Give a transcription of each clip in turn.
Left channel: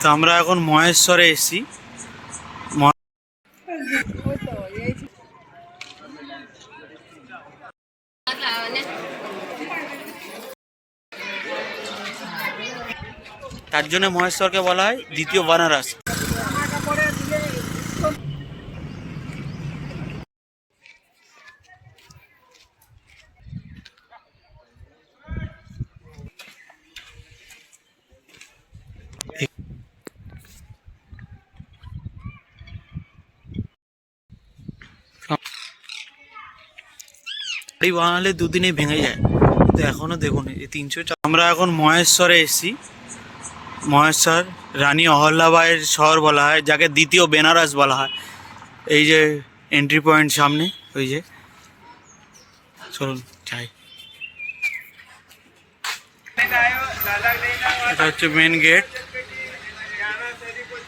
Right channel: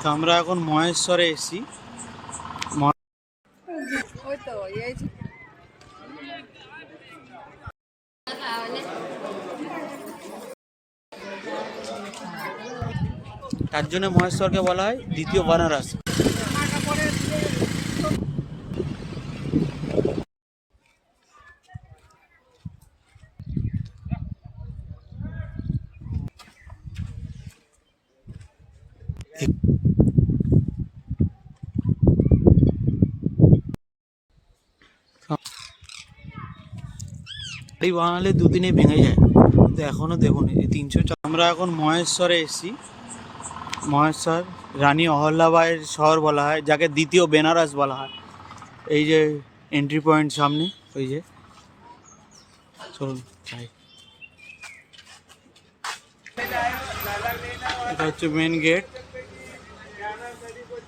তো আমরা এখন মহেশ্বরে এসেছি। তার জন্য মহেশ্বরকে বলা হয় দ্বিতীয় বানারস। এই বানালে দুদিনে ভেঙে যায়, তো এখনো দেখুন এই 300। আমরা এখন মহেশ্বরে এসেছি। মহেশ্বর রানী অহল্যাবাইয়ের শহর বলা হয়, যাকে দ্বিতীয় বেনারস বলা হয়। এই যে এন্ট্রি পয়েন্ট সামনে, ওই যে, চলুন যাই। এটা হচ্ছে মেন গেট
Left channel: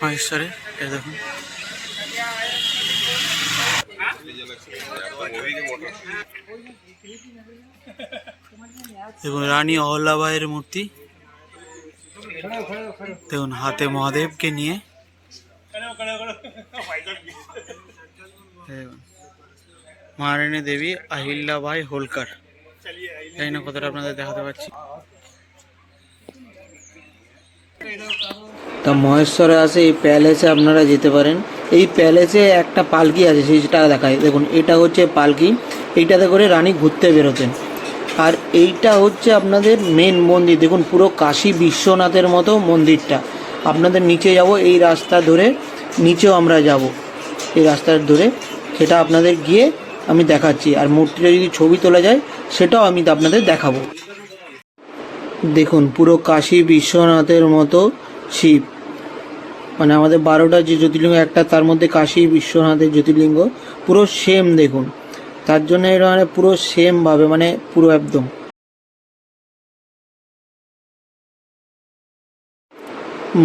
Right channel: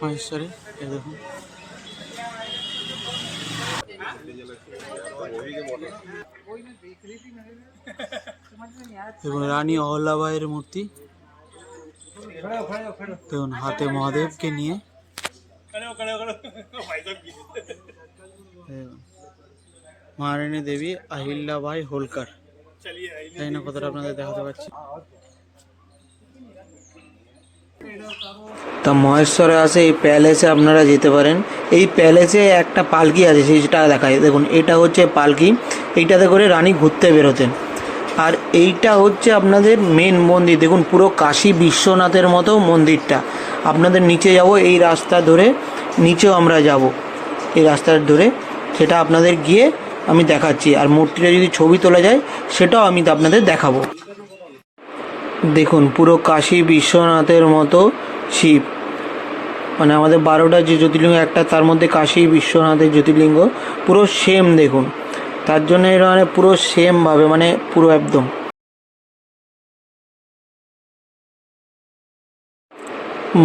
মহেশ্বরে। এই দেখুন, দেখুন রানী অহল্যাবাইয়ের মূর্তি। দেখুন হাতে মহাদেবকে নিয়ে। মহারানী দেবী আহিল্যাবাই হোলকার। জানি না কতটা আপনাদের দেখাতে পাচ্ছি। তা মহেশ্বরে আসে এই প্যালেসে আপনারা যেতে পারেন। এই প্যালেসে একটা পালকি আছে, সেটা দেখায়। দেখুন এটা হচ্ছে পালকি, এইটাতে করে রানী ঘুরতে বেরোতেন। আর এইটা হচ্ছে আপনাদের মেন মন্দির। দেখুন পুরো কাশী বিশ্বনাথের মতো মন্দিরটা। আপনাদের নিচে যাব, এই রাস্তা ধরে নিচেও আমরা যাব, এই রাস্তার ধরে। সেটা আপনাদের গিয়ে আমি দেখাচ্ছি। আর মূর্তিটা যদি ছবি তোলা যায় সেটাও আমি আপনাদের দেখাবো। দেখুন পুরো কাশী বিশ্বনাথের মতো শিব, মানে আমাদের 12টা যে জ্যোতির্লিঙ্গ একটা, তার মধ্যে কাশী বিশ্বনাথের জ্যোতির্লিঙ্গ পুরো সেম। দেখুন তার জন্য এটা মানে পুরো সেমভাবে, মানে পুরো একদম।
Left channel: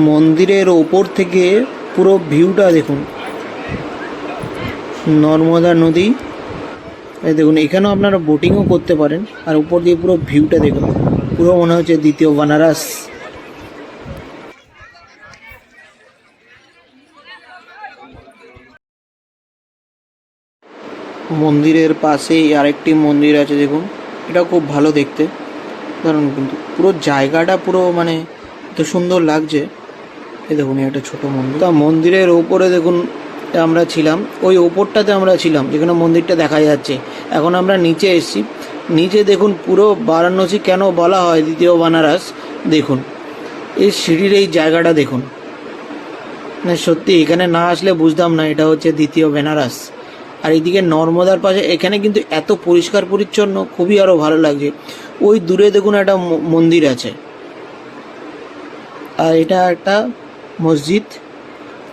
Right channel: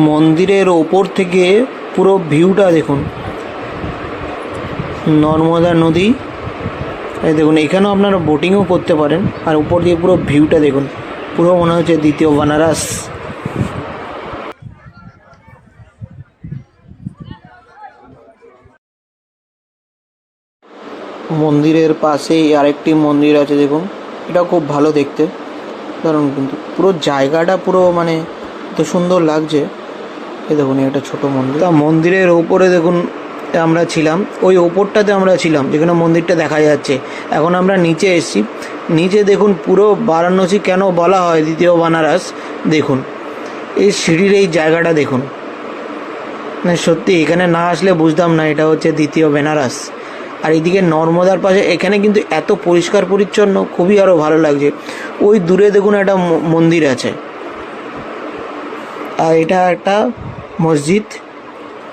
মন্দিরের ওপর থেকে পুরো ভিউটা দেখুন, নর্মদা নদী। এই দেখুন এখানেও আপনারা বোটিংও করতে পারেন। আর উপর দিয়ে পুরো ভিউটা দেখুন, পুরো মনে হচ্ছে দ্বিতীয় বানারস। মন্দিরের পাশেই আরেকটি মন্দির আছে, দেখুন এটা খুব ভালো দেখতে, কারণ কিন্তু পুরো জায়গাটা পুরো মানে এত সুন্দর লাগছে। এই দেখুন একটা ছোট মন্দির। তা মন্দিরের ওপরে দেখুন আমরা ছিলাম, ওই ওপরটাতে আমরা ছিলাম যেখানে মন্দিরটা দেখা যাচ্ছে। এখন আমরা নিচে এসেছি। নিচে দেখুন পুরো বারাণসী কেন বলা হয় দ্বিতীয় বানারস, দেখুন এই সিঁড়ির এই জায়গাটা দেখুন। মানে সত্যি এখানে না আসলে বুঝতাম না এটা হচ্ছে দ্বিতীয় বেনারস। আর এইদিকে নর্মদার পাশে, এখানে কিন্তু এত পরিষ্কার পরিচ্ছন্ন, খুবই আরও ভালো লাগছে। ওই দূরে দেখুন একটা মন্দির আছে, আর এটা একটা মসজিদ।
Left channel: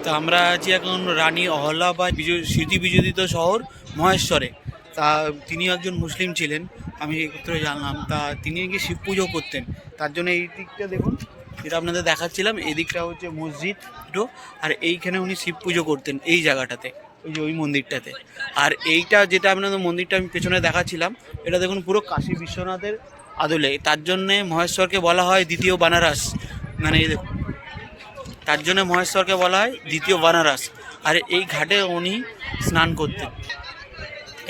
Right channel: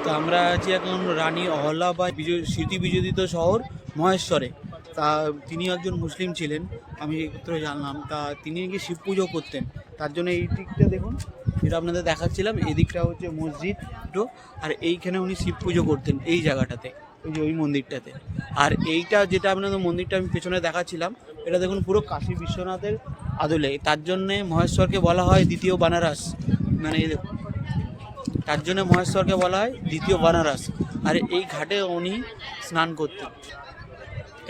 তো আমরা আছি এখন রানী অহল্যাবাই স্মৃতি বিজড়িত শহর মহেশ্বরে। তা তিনি একজন মুসলিম ছিলেন, আমি একত্র জানলাম। তা তিনি নাকি শিব পুজো করতেন। তার জন্য এই দিকটা দেখুন, যেটা আপনাদের দেখাচ্ছিলাম, এই দিকটা হচ্ছে মসজিদ। আর এইখানে উনি শিব পুজো করতেন এই জায়গাটাতে, ওই যে ওই মন্দিরটাতে। আর এইটা যেটা আপনাদের মন্দিরটা আমি পেছনে দেখাচ্ছিলাম, এটা দেখুন পুরো কাশী বিশ্বনাথের আদলে। তার জন্যে মহেশ্বরকে বলা হয় দ্বিতীয় বানারস। মানে এই দেখুন, তার জন্য মহেশ্বরকে বলা হয় দ্বিতীয় বানারস। আর এই ঘাটে উনি স্নান করতেন।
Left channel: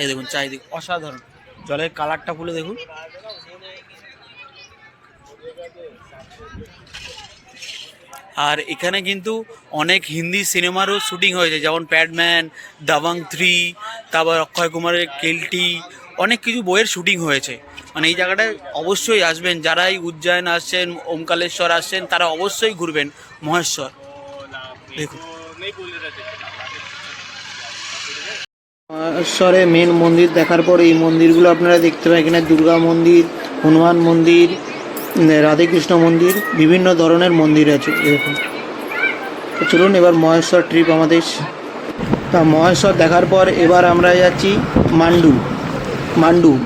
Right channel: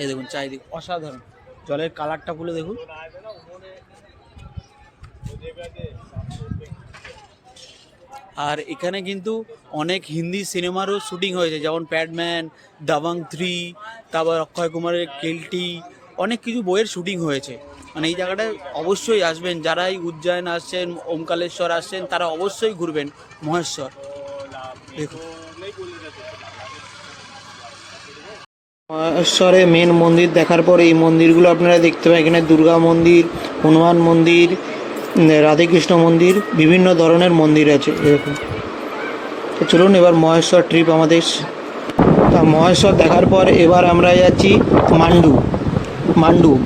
এই দেখুন চারিদিক অসাধারণ, জলের কালারটা পুরো দেখুন। আর এখানে কিন্তু অনেক হিন্দি সিনেমারও শুটিং হয়েছে, যেমন প্যাডম্যান, দাবাং 3, তারপর অক্ষয় কুমারের কেল্টি, অনেক কিছু বইয়ের শুটিং হয়েছে। মানে এই জায়গাটায় অবশ্যই আসবেন, যারা এই উজ্জয়ন আসছেন, ওমকালেশ্বর আসছেন, তারা অবশ্যই ঘুরবেন মহেশ্বর। দেখুন মহেশ্বরে মেন মন্দির দেখার পর এই মন্দিরগুলো আপনারা দেখতে পাবেন। এখানে দুর্গা মন্দির, হনুমান মন্দির, রাধেকৃষ্ণ মন্দির, বিভিন্ন ধরনের মন্দির আছে এরকম। তো চলুন এবার মহেশ্বর ট্রিপ আমাদের। তা মহেশ্বর দেখার পর এবার আমরা যাচ্ছি মান্ডু।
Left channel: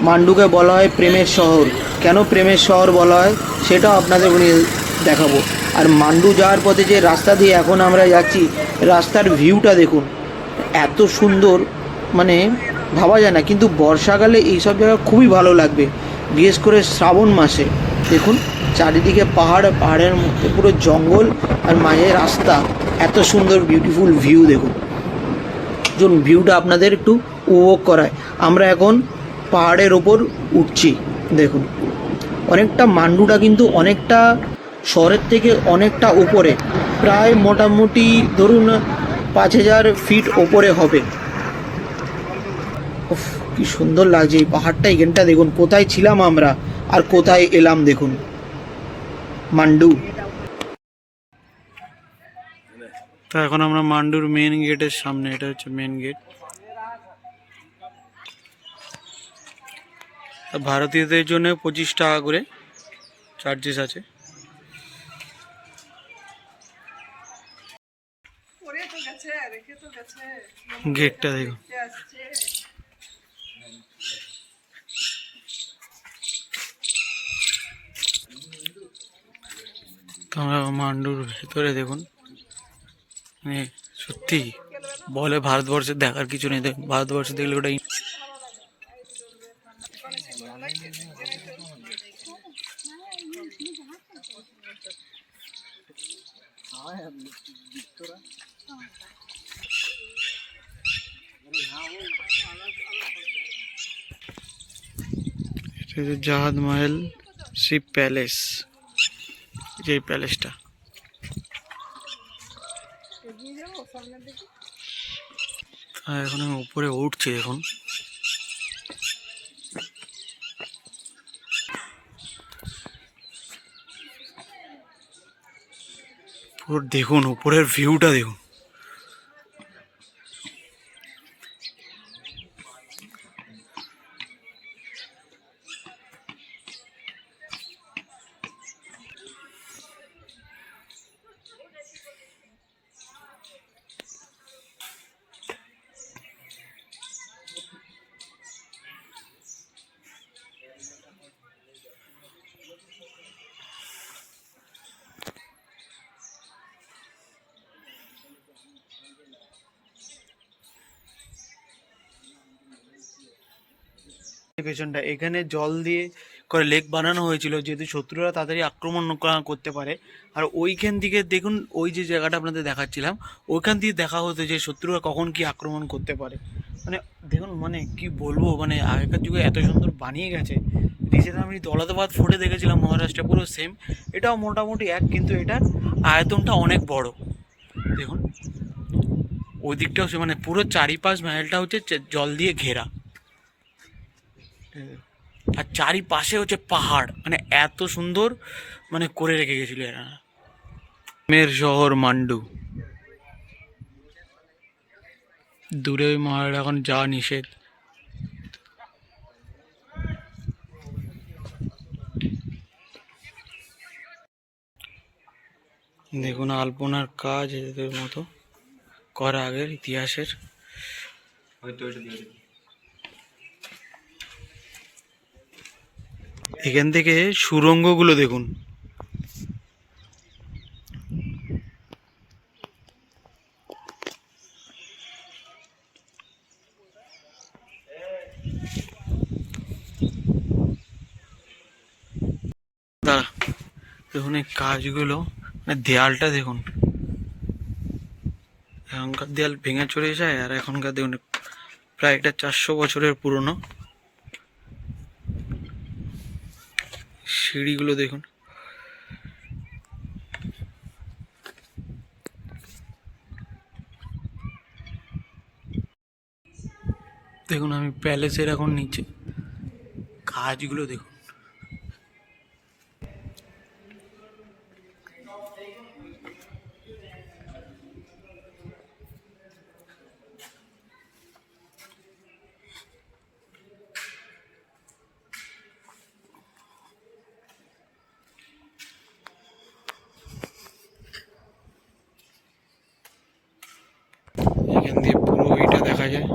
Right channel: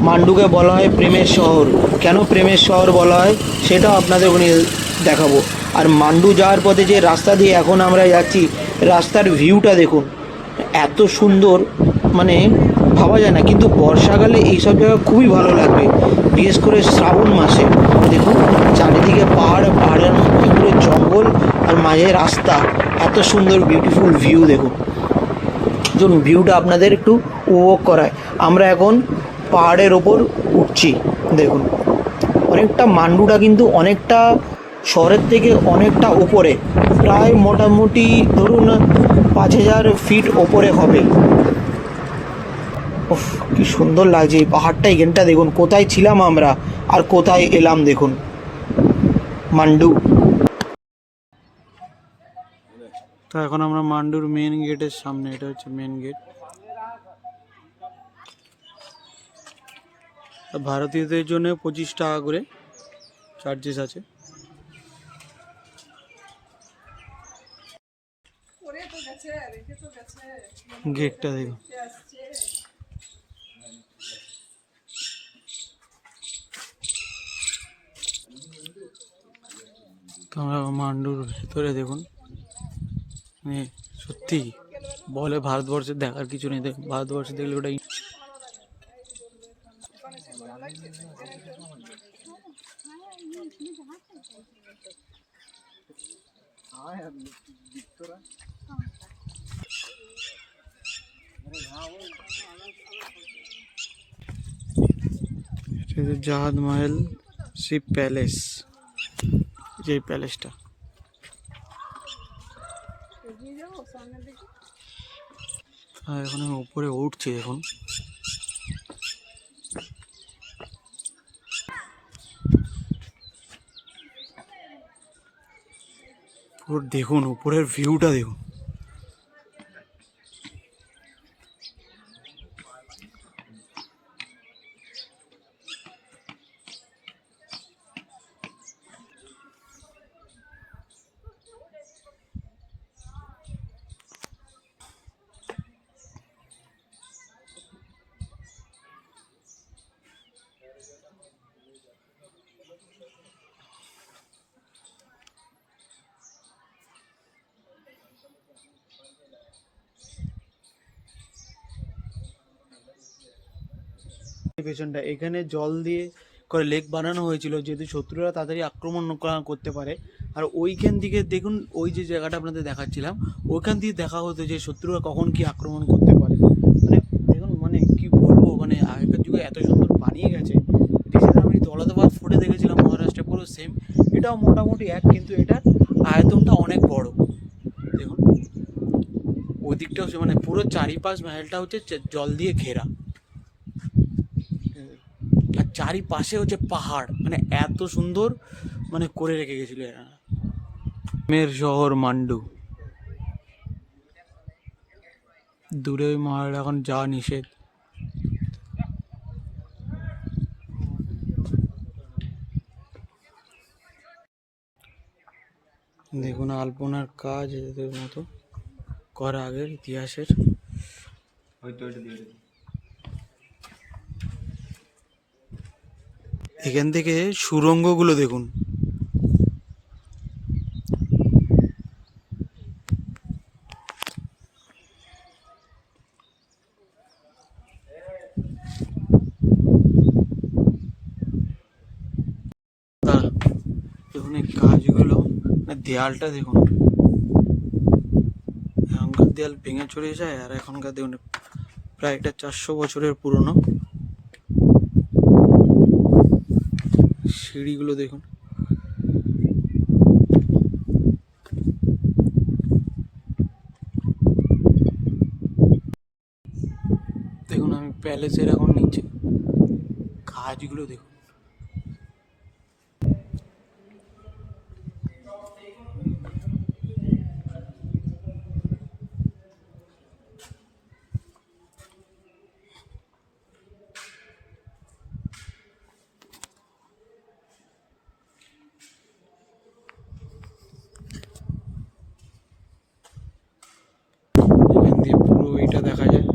মান্ডুকে বলা হয় প্রেমের শহর। কেন প্রেমের শহর বলা হয় সেটাও আপনাদের দেখাবো। আর মান্ডু যাওয়ার পথে যে রাস্তা দিয়ে এখন আমরা যাচ্ছি, রাস্তার ভিউটা দেখুন, এত সুন্দর, মানে ভাবা যায় না। কিন্তু বর্ষাকালে এইসব জায়গা খুবই ভালো লাগবে, বিশেষ করে শ্রাবণ মাসে। দেখুন চারিদিকে পাহাড়, পাহাড়ের মধ্যে পুরো জঙ্গল আর মাঝে রাস্তা, এত সুন্দর বিউটিফুল ভিউ দেখুন। যখন ভিউটা আপনাদের একটু উপভোগ করায়, আমরা এখন পাহাড়ের ওপর উঠছি। দেখুন অনেকটা, মান্ডুটা কিন্তু অনেকটা শহরের থেকে অনেকটা উপরে, প্রায় মোটামুটি ধরুন 5,000 ফিট ওপরে হবে। উফ, কি সুন্দর লাগছে এই পাহাড়টা, এখানটা দেখুন কোথায় ছিলাম আমরা আর কোথায় এলাম। দেখুন মান্ডু। তো এখন আমরা মান্ডুর মেন গেটের সামনে, এটা হচ্ছে মেন গেট। ভারতীয়দের জন্য 25 টাকা করে চার্জেস আছে। গেটটা দেখুন। তোমরা মান্ডুর ভেতরে দেখুন, মানে সত্যি বলে ভারতবর্ষে দেখার কিছু নেই। ভারতবর্ষে দেখলে ওটা এটা হচ্ছে জাহাজ মহল শিপ প্যালেস, যে প্যালেসটা। এখন আমি উপরে উঠছি দেখুন। পুরো দেখুন উপরের ভিউটা দেখুন। পেছনটা এখানে জল দিয়ে করে লেক বানানো হয়েছিল, যেহেতু শত্রুরা তাড়াতাড়ি আক্রমণ করতে পারে। আর ওইখান দিকে দেখুন, ওই যে জায়গাটা আপনাদের দেখাচ্ছিলাম, ওইখান দিয়ে দেখা হতো যে শত্রুরা কখন কি আক্রমণ করতে পারে। মানে দেখুন, মানে কি বলবো, মানে আগেকার যুগে এত সুন্দর বানিয়ে গেছে। রিসেন্ট আমি দৌলতাবাদ ফোর্টে দেখেছিলাম মহারাষ্ট্রে, পুরো সেম, এটাও মোটামুটি এক, কিন্তু এটার আয়তনটা অনেক বড়। দেখুন ওই দিকটাও সে, মানে পুরো চারিপাশ মহলটা হচ্ছে জল দিয়ে ঘেরা, আর চারিপাশে হচ্ছে পাহাড়, মানে এত সুন্দর মানে করে রেখে গেছিল এরা। মের শহর মান্ডু, দূরে ওই পাহাড় এখন যাওয়া নিষেধ। দেখুন আলপনার কাজ এদের মতো করা আগের ইতিহাসের। এখান থেকে সুড়ঙ্গগুলো দেখুন। দেখুন এই কাজগুলো, মানে দেয়ালটা দেখুন, এখনকার দেয়াল ভেঙে চলে যায়, আর এখনকার দেখুন প্রায় একটা 400 বছরের পুরনো। সিঁড়িগুলো দেখুন। দেখুন আমি প্যালেসের এখন নিচে, কাজগুলো দেখুন। এখান দিয়ে পুরো এটা দেখা যায়।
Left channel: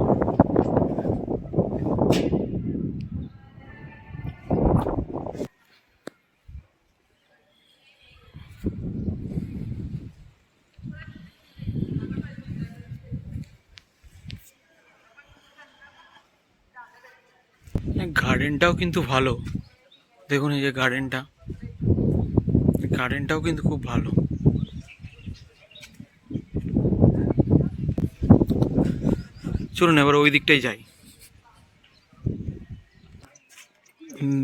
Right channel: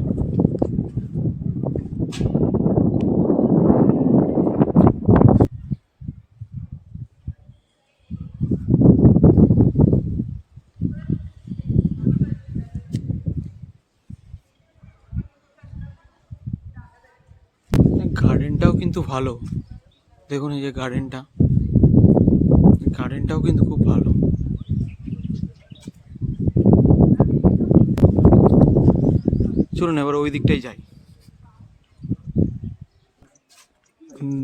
গার্ডেনটাও কিন্তু ভালো, দেখুন এই যে গার্ডেনটা। গার্ডেনটাও কিন্তু খুব ভালো। চলুন এবার ওই দিকটাই যাই।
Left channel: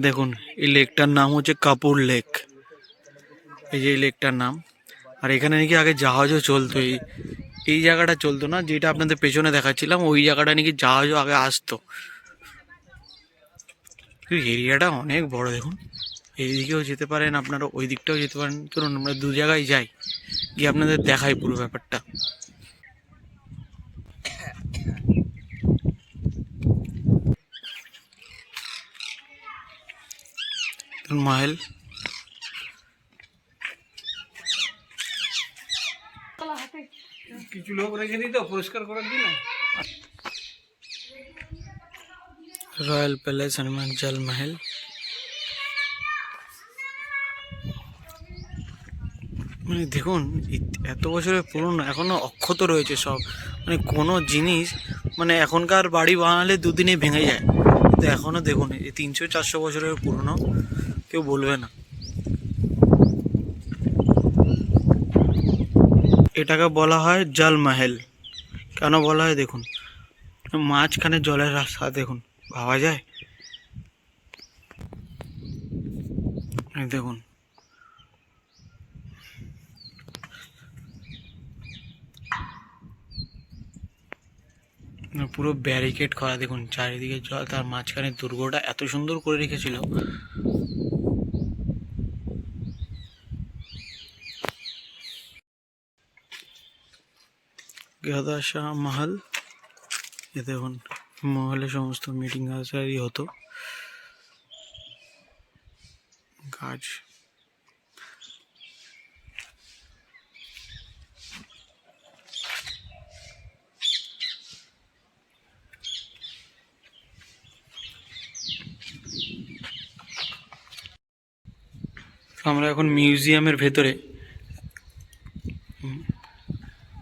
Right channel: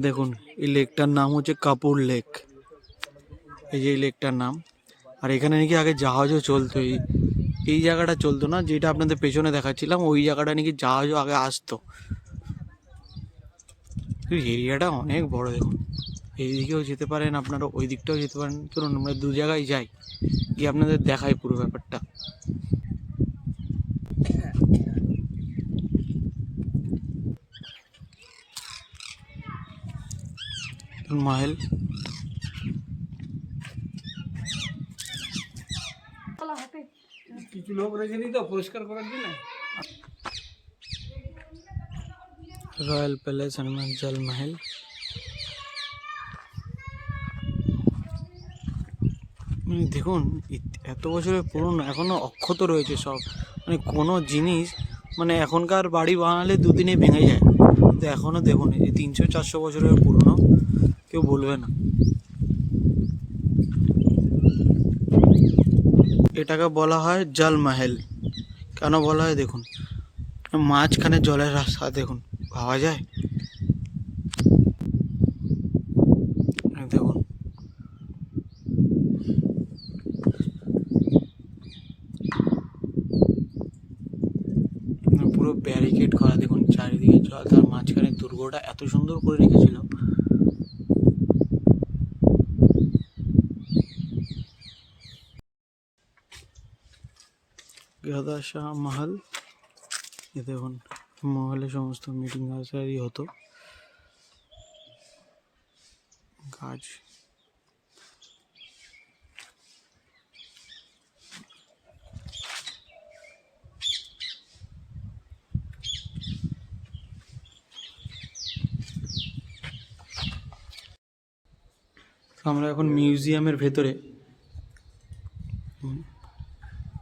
দেখুন এই লেকটার নাম হচ্ছে কাপুর লেক, এই যে এই লেকটার নাম। আর এখানে নাকি আগে জাহাজও চলতো, এই জায়গাটা চলতো না, যেটা আপনাদের পেছনে দেখাচ্ছিলাম ওই জায়গাটা নাকি জাহাজও আগে আসতো। এরিয়াটা অনেক বড় দেখুন, এইদিকেও যেতে পারেন আপনারা, ওই দিকটাও যেতে পারেন। চলুন আমরা দু জায়গায় যাই, গিয়ে আপনাদের দেখাই পুরো ব্যাপারটা। মাহেল কিছু লোক রেখে দিত পরিষ্কার করার জন্য। রয়্যাল প্যালেস হনুমান জল মহল। মানে দেখুন এত বছরের পুরনো, এখনো অক্ষত রয়েছে সব। মানে কোনো জিনিস, মানে এখনকার বাড়ি বানালে দুদিনে ভেঙে যায়, কিন্তু এখনো দেখুন এই 300-400 বছরের পুরনো, কেউ বলবে না। এটাকে বলা হয় জল মহল। কেন বলা হয় দেখুন, মাঝখানে জলের রাস্তা দেখুন, ভাবা যায়? এই দেখুন পুরো ব্যারিকেড করা, দেখুন চারিদিকে জল, তার মাঝখানে দুর্গটা এত সুন্দর করে রেখেছিল। গাদা শাহ মহল, এ দেখুন মহলে সমস্ত মিটিং আসারই হতো। গাছ আমরা এখন মিউজিয়ামের ভেতরে,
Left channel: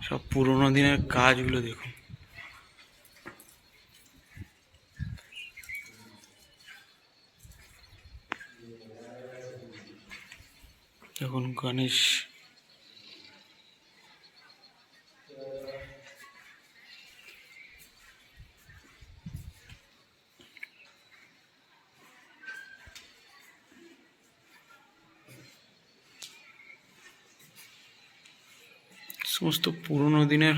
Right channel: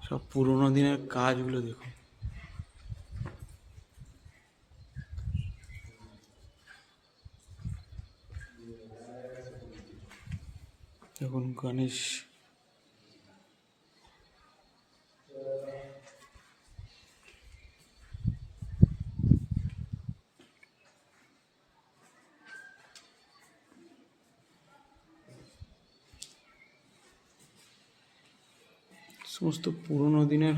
সব পুরোনো দিনের কাজগুলো দেখুন। দেখুন গণেশ, সমস্ত পুরোনো দিনের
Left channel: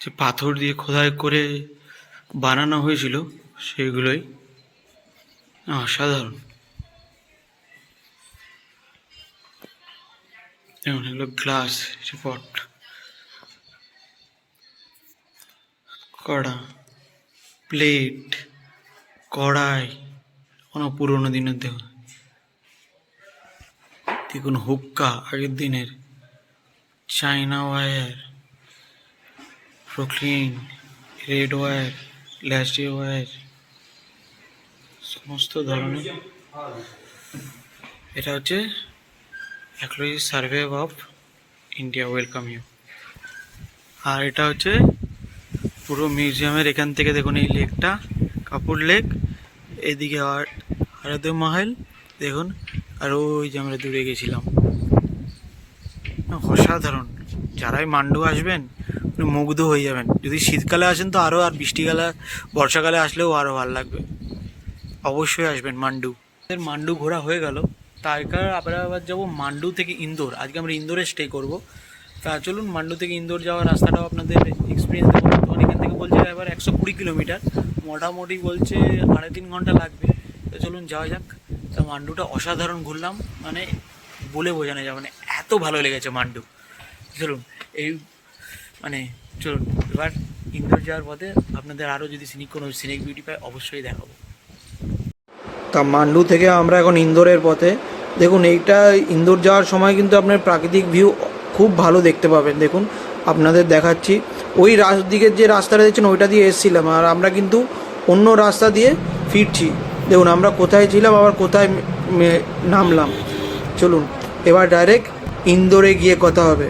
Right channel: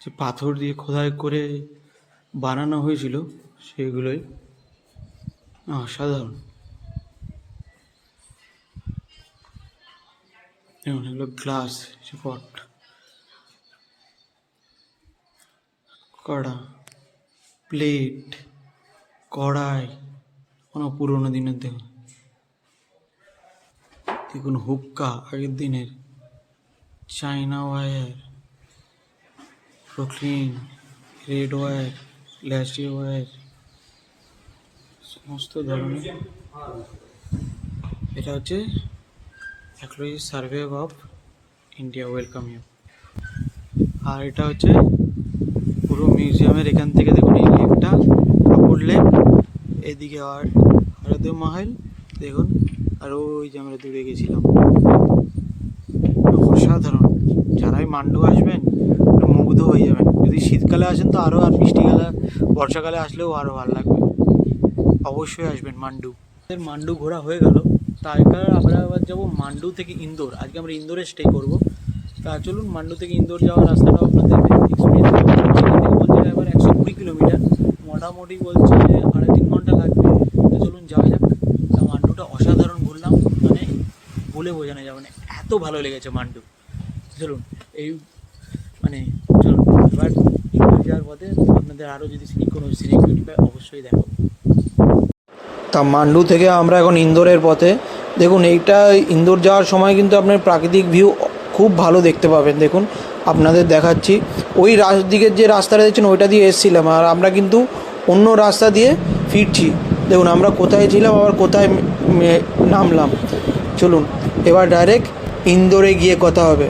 যে পাথর দিয়ে খোদাই করে বানানো হয়েছিল সেগুলোই অসাধারণ। যেমন এগুলো গ্লাস পট, কড়া, প্লেট, কড়াই, কোনো পুরোনো দিনের দেখুন। দেখুন হুক্কা আগের দিনের, china ware, porcelain, red ware, ল্যাসডি ওয়্যার, সমস্ত ধরনের। এটা হচ্ছে archaeology survey of India, welcome you. আর এটা হচ্ছে পুরো মিউজিয়ামের এখান থেকে দেখুন এই লেকটা, কাপুর লেক, এদিকে আর হরদে মহল দেখুন, আর ওই যে আমরা দূরে গেছিলাম। অসাধারণ, যারাই মান্ডু আসবেন মুগ্ধ হয়ে যাবেন। যদি শীতকালে আসেন তো আরও, আর বৃষ্টিকালে বর্ষাকালে আসলেও আরও ভালো লাগবে। অবশ্যই আসবেন মান্ডু। মান্ডু ঘোরা হয়ে গেল, তারপর আমরা আবার যাবো মান্ডু থেকে ইন্দোর। আজকে আমরা ইন্দোরে স্টে করব। তা চলুন মান্ডু থেকে ইন্দোর যাওয়ার রাস্তাটাও আপনাদের এক্সপিরিয়েন্স করবো। এখান থেকে বলছে এবার 120 কিলোমিটার, মোটামুটি বলছে 2.5-3 ঘন্টা লাগবে। তো চলুন যাওয়া যাক। তা মান্ডুটা অসাধারণ ঘুরলাম, মানে বলে বোঝানো যাবে না, এত ভালো লেগেছে মান্ডু। চলুন এই মানে চলুন এবার ইন্দোর যাওয়ার পথে আপনাদের আরও যদি কোনো সিনিক বিউটি পায় অবশ্যই দেখাবো। তা মান্ডু থেকে আমরা এখন ইন্দোরের পথে। দেখুন এইটা ইন্দোর যাওয়ার সময় কিন্তু আপনার প্রাকৃতিক ভিউ খুব ভালো দেখতে পাবেন। দেখুন আপনাদের দেখাচ্ছি, ওই দিকের যে রাস্তাটা দেখছেন ওইটা দিয়ে এসেছিলাম, আর আমরা কিন্তু অন্য রাস্তা দিয়ে ফিরছি। দেখুন আমরা কোথায় ছিলাম আবার কোথায় নামলাম। চলুন এবার ডাইরেক্ট ইন্দোরে গিয়ে কথা হবে।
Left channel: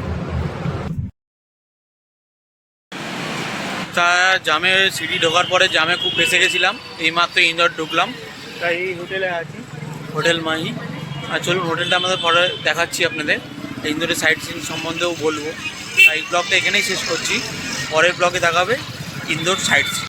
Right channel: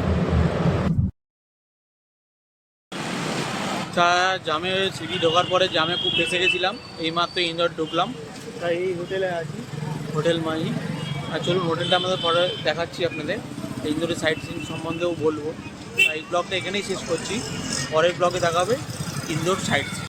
তা জামে সিটি ঢোকার পরে জামে খুব ফেসে গেছিলাম, এইমাত্র ইন্দোর ঢুকলাম। তাই এই হোটেলে আছি, হোটেল মাহি। আর চলুন হোটেলটা আমাদের পরে দেখাচ্ছি আপনাদের, ইন্দোরের সাইট সিন সম্বন্ধেও বলবো। তাই ব্লগটা এখানেই শেষ করছি, পরের ব্লগে দেখাবে ইন্দোর সাইট সিন।